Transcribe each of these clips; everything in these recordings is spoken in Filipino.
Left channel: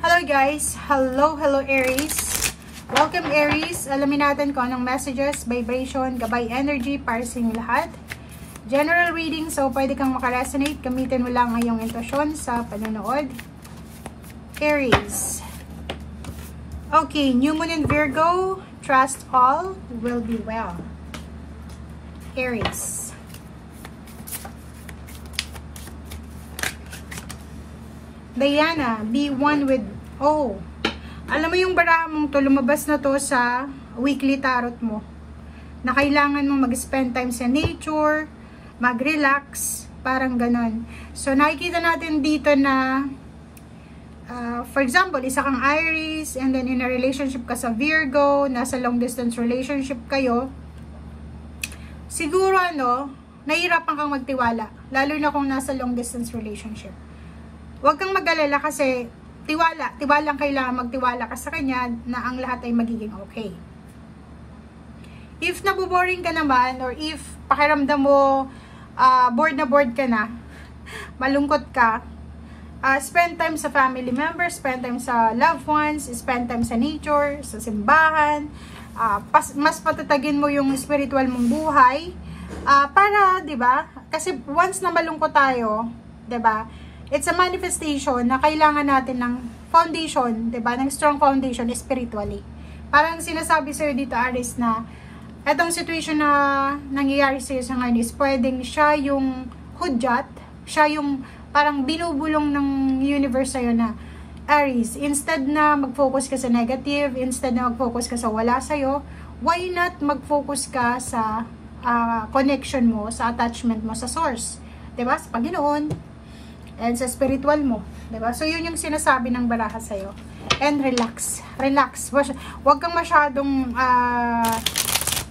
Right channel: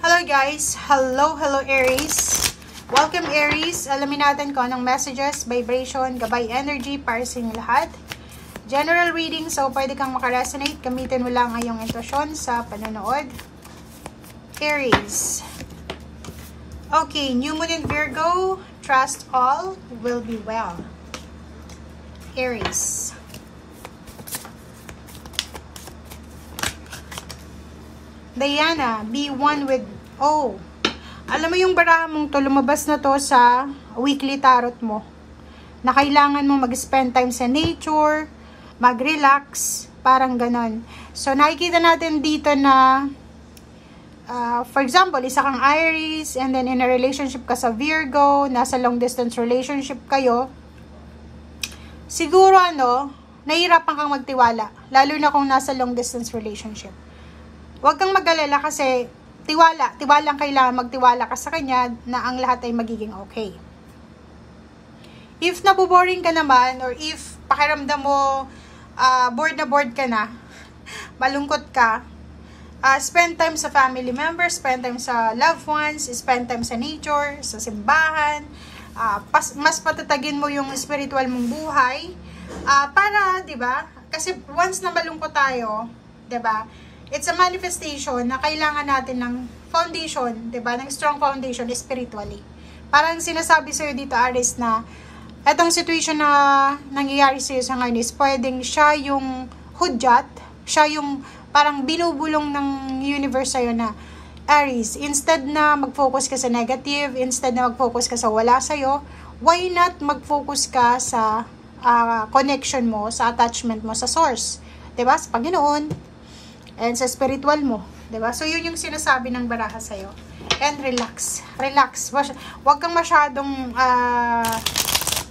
Hello guys! Hello Aries! Welcome Aries! Alamin natin kung anong messages, vibration, gabay energy para sa inyo lahat. General reading, so pwede kang makaresonate. Gamitin mo lang ang iyong intuition sa panonood. Aries. Okay, New Moon in Virgo. Trust all will be well. Aries. Diana, be one with, alam mo yung baraha mong to, lumabas na to sa weekly tarot mo, na kailangan mong mag-spend time sa nature, mag-relax, parang ganon. So, nakikita natin dito na, for example, isa kang Aries, and then in a relationship ka sa Virgo, nasa long distance relationship kayo, siguro nahihirapan kang magtiwala, lalo na kung nasa long distance relationship. Huwag kang mag-alala kasi tiwalang kailangan magtiwala ka sa kanya na ang lahat ay magiging okay. If naboboring ka naman, or if pakiramdam mo bored na bored ka na, malungkot ka, spend time sa family members, spend time sa loved ones, spend time sa nature, sa simbahan, mas patatagin mo yung spiritual mong buhay, para, 'di ba? Kasi once na malungkot tayo, 'di ba? It's a manifestation na kailangan natin ng foundation, 'di ba? Ng strong foundation spiritually. Parang sinasabi sa'yo dito, Aries, na etong situation na nangyayari sa'yo sa ngayon is pwedeng siya yung hudyat, siya yung parang binubulong ng universe sa'yo na, Aries, instead na mag-focus ka sa negative, instead na mag-focus ka sa wala sa'yo, why not mag-focus ka sa connection mo, sa attachment mo sa source? 'Di ba? Sa Panginoon, and sa spiritual mo, 'di ba? So yun yung sinasabi ng baraha sa iyo. And relax. Relax. Huwag kang masyadong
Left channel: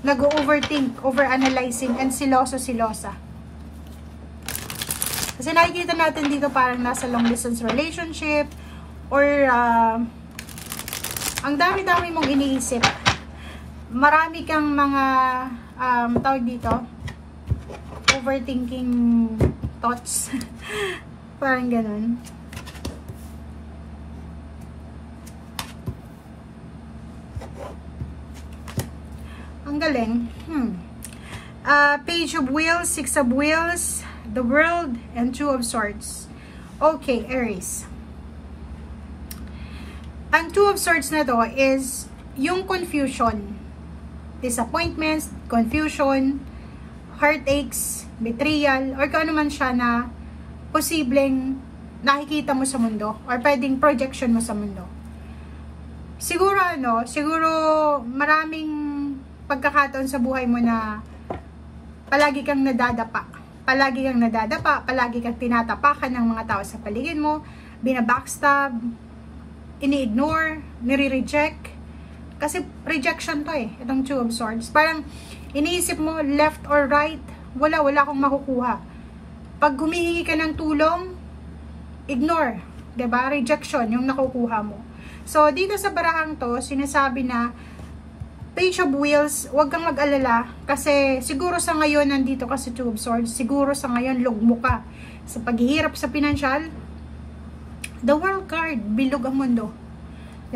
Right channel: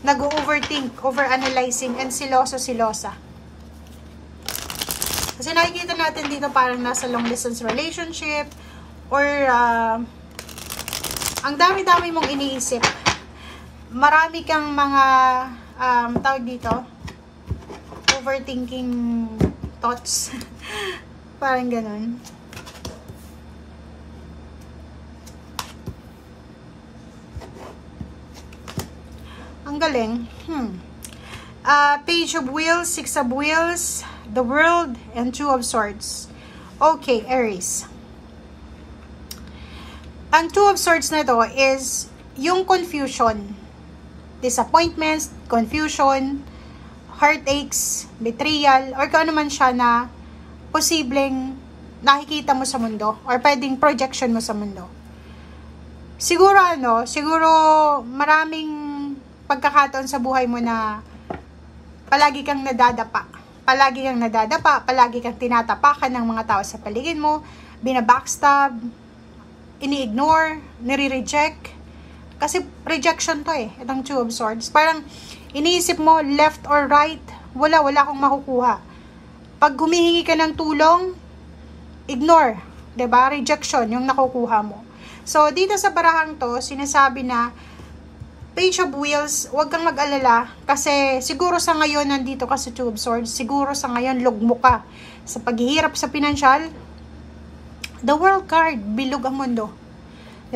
nag-overthink, overanalyzing, and silosa. Kasi nakikita natin dito parang nasa long distance relationship, or ang dami-dami mong iniisip. Marami kang mga tawag dito, overthinking thoughts. Parang ganun. Ang galing. Page of Wheels, Six of Wheels, the World, and Two of Swords. Okay, Aries. Ang Two of Swords na to is yung confusion, disappointments, confusion, heartaches, betrayal, or kung ano man siya na posibleng nakikita mo sa mundo, or pwedeng projection mo sa mundo. Siguro maraming pagkakataon sa buhay mo na palagi kang nadadapa, palagi kang tinatapakan ng mga tao sa paligid mo, binabackstab, ini-ignore, nire-reject, kasi rejection to itong Two of Swords. Parang iniisip mo left or right, wala akong makukuha. Pag humihingi ka ng tulong, ignore, 'di ba? Rejection yung nakukuha mo. So dito sa barahang to, sinasabi na Page of Wheels, huwag kang mag-alala kasi siguro sa ngayon nandito ka sa Two of Swords, siguro sa ngayon lugmo ka sa paghihirap sa pinansyal. The World card, bilog ang mundo.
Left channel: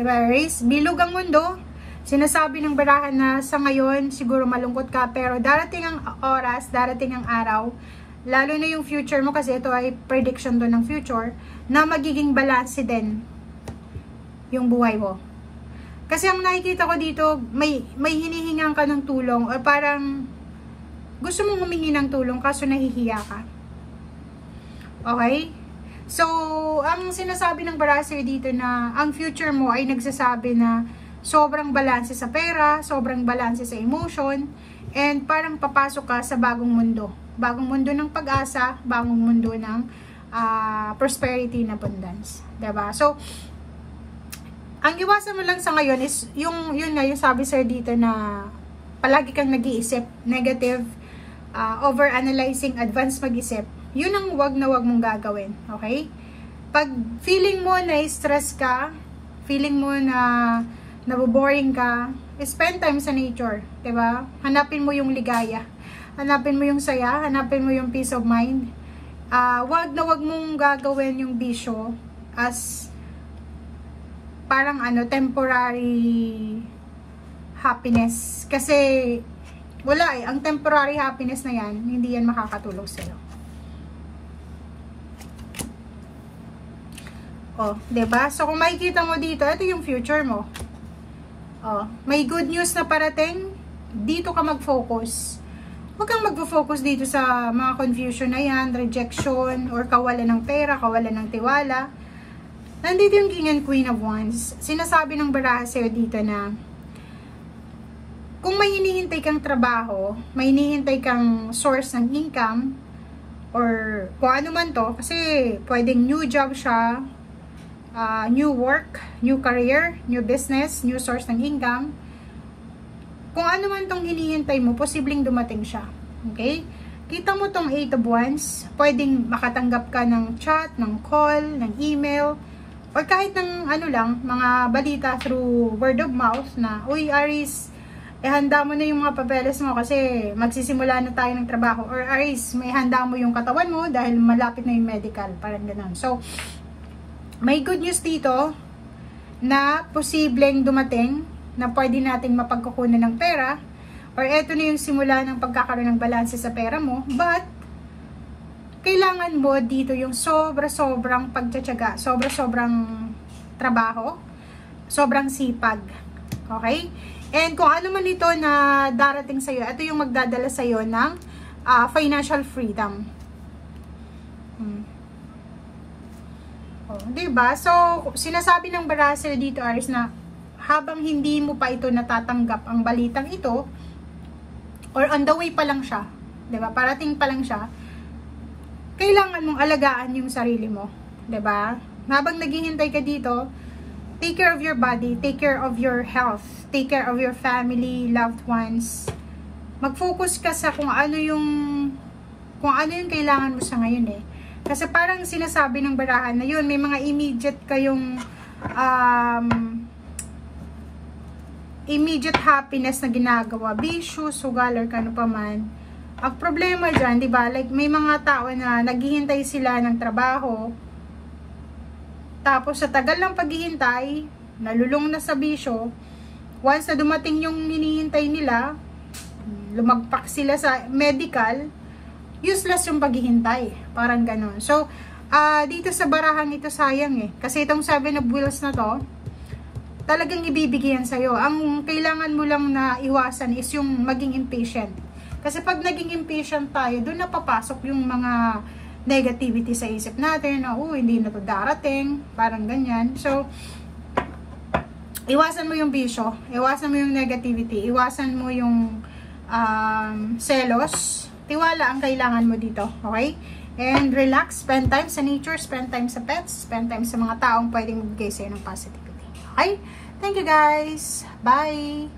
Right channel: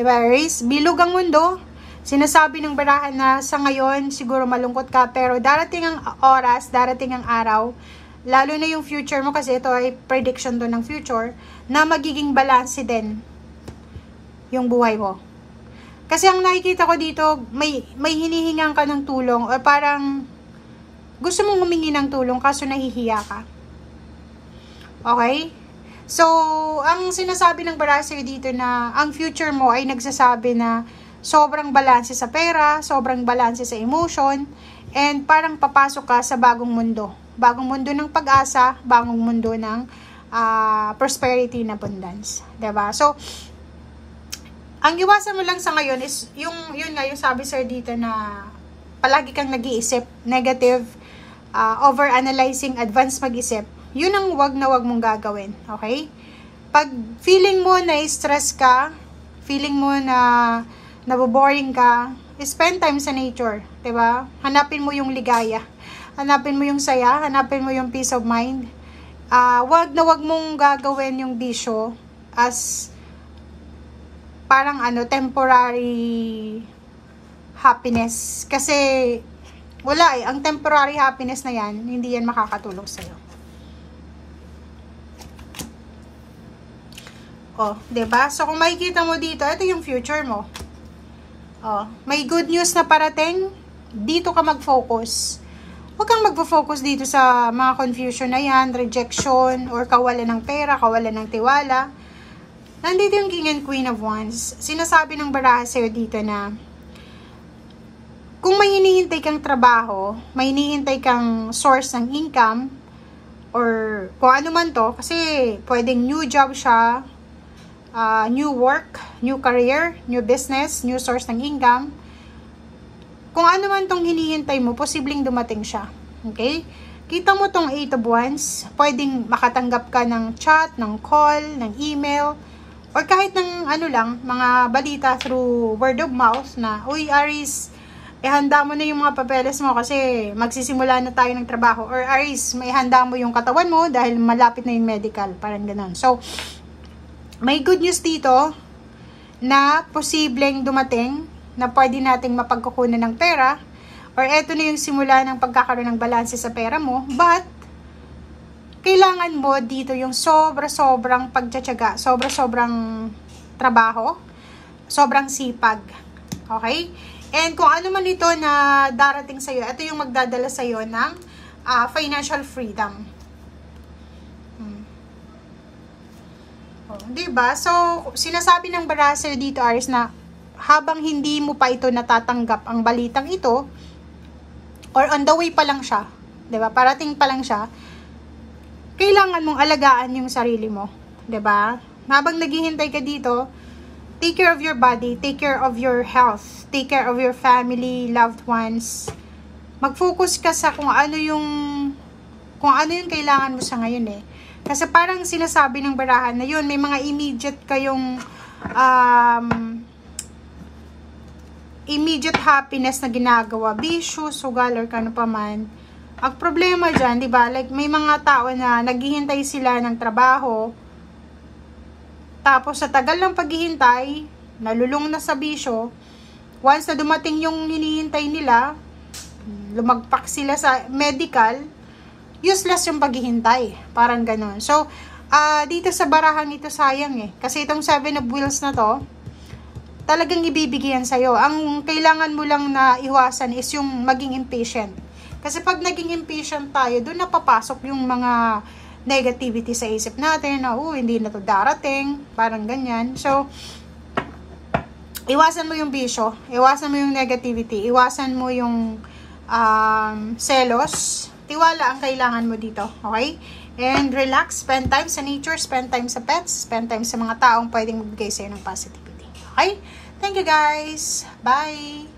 'Di ba, Aries? Bilog ang mundo. Sinasabi ng barahan na sa ngayon siguro malungkot ka, pero darating ang oras, darating ang araw, lalo na yung future mo, kasi ito ay prediction to ng future, na magiging balance din yung buhay mo. Kasi ang nakikita ko dito, may hinihingan ka ng tulong, o parang gusto mong humingi ng tulong kaso nahihiya ka. Okay? So, ang sinasabi ng baraha sa'yo dito na ang future mo ay nagsasabi na sobrang balanse sa pera, sobrang balanse sa emotion, and parang papasok ka sa bagong mundo. Bagong mundo ng pag-asa, bagong mundo ng prosperity and abundance. Diba? So, ang iwasan mo lang sa ngayon is, yun sabi sir dito na palagi kang nag-iisip, negative, over-analyzing, advanced mag-isip. Yun ang wag mong gagawin. Okay? Pag feeling mo na stress ka, feeling mo na naboboring ka, spend time sa nature. Diba? Hanapin mo yung ligaya. Hanapin mo yung saya, hanapin mo yung peace of mind. Wag mong gagawin yung bisyo as parang ano, temporary happiness. Kasi, wala eh. Ang temporary happiness na yan, hindi yan makakatulong sa'yo. Oh, 'di ba? So kung makikita mo dito, ito yung future mo. Oh, may good news na parating, dito ka mag-focus. Huwag kang mag-focus dito sa mga confusion na yan, rejection, or kawalan ng pera, kawalan ng tiwala. Nandito yung King and Queen of Wands. Sinasabi ng baraha sa'yo dito na kung may hinihintay kang trabaho, may hinihintay kang source ng income, or kung ano man to, kasi pwedeng new job siya, new work, new career, new business, new source ng income. Kung ano man tong hinihintay mo, posibleng dumating siya. Okay? Kita mo tong 8 of Wands, pwedeng makatanggap ka ng chat, ng call, ng email, or kahit ng ano lang, mga balita through word of mouth na, uy Aries, ihanda mo na yung mga papeles mo kasi magsisimula na tayo ng trabaho. Or Aries, may handa mo yung katawan mo dahil malapit na yung medical. Parang ganun. So, may good news dito na posibleng dumating na pwede nating mapagkukunan ng pera, or eto na yung simula ng pagkakaroon ng balanse sa pera mo, but kailangan mo dito yung sobra-sobrang pagtsatsaga, sobra-sobrang trabaho, sobrang sipag. Okay? And kung ano man ito na darating sa'yo, ito yung magdadala sa'yo ng financial freedom. Oh, diba? So, sinasabi ng baraha sa'yo dito, Aries, na habang hindi mo pa ito natatanggap ang balitang ito, or on the way pa lang siya, diba? Parating pa lang siya, kailangan mong alagaan yung sarili mo. Diba? Habang naghihintay ka dito, take care of your body, take care of your health, take care of your family, loved ones. Mag-focus ka sa kung ano yung kailangan mo sa ngayon eh. Kasi parang sinasabi ng barahan na yun, may mga immediate kayong immediate happiness na ginagawa, bisyo, sugal, or kano pa man. Ang problema dyan, di ba? Like, may mga tao na naghihintay sila ng trabaho, tapos sa tagal ng paghihintay, nalulung na sa bisyo, once na dumating yung hinihintay nila, lumagpak sila sa medical, useless yung paghihintay. Parang ganon. So, dito sa barahan ito sayang eh. Kasi itong 7 of Wheels na to, talagang ibibigyan sa'yo. Ang kailangan mo lang na iwasan is yung maging impatient. Kasi pag naging impatient tayo, doon napapasok yung mga negativity sa isip natin. Na, hindi na to darating. Parang ganyan. So, iwasan mo yung bisyo. Iwasan mo yung negativity. Iwasan mo yung selos. Tiwala ang kailangan mo dito. Okay? And relax. Spend time sa nature. Spend time sa pets. Spend time sa mga taong pwedeng magbigay sa'yo ng positivity. Okay? Thank you guys. Bye!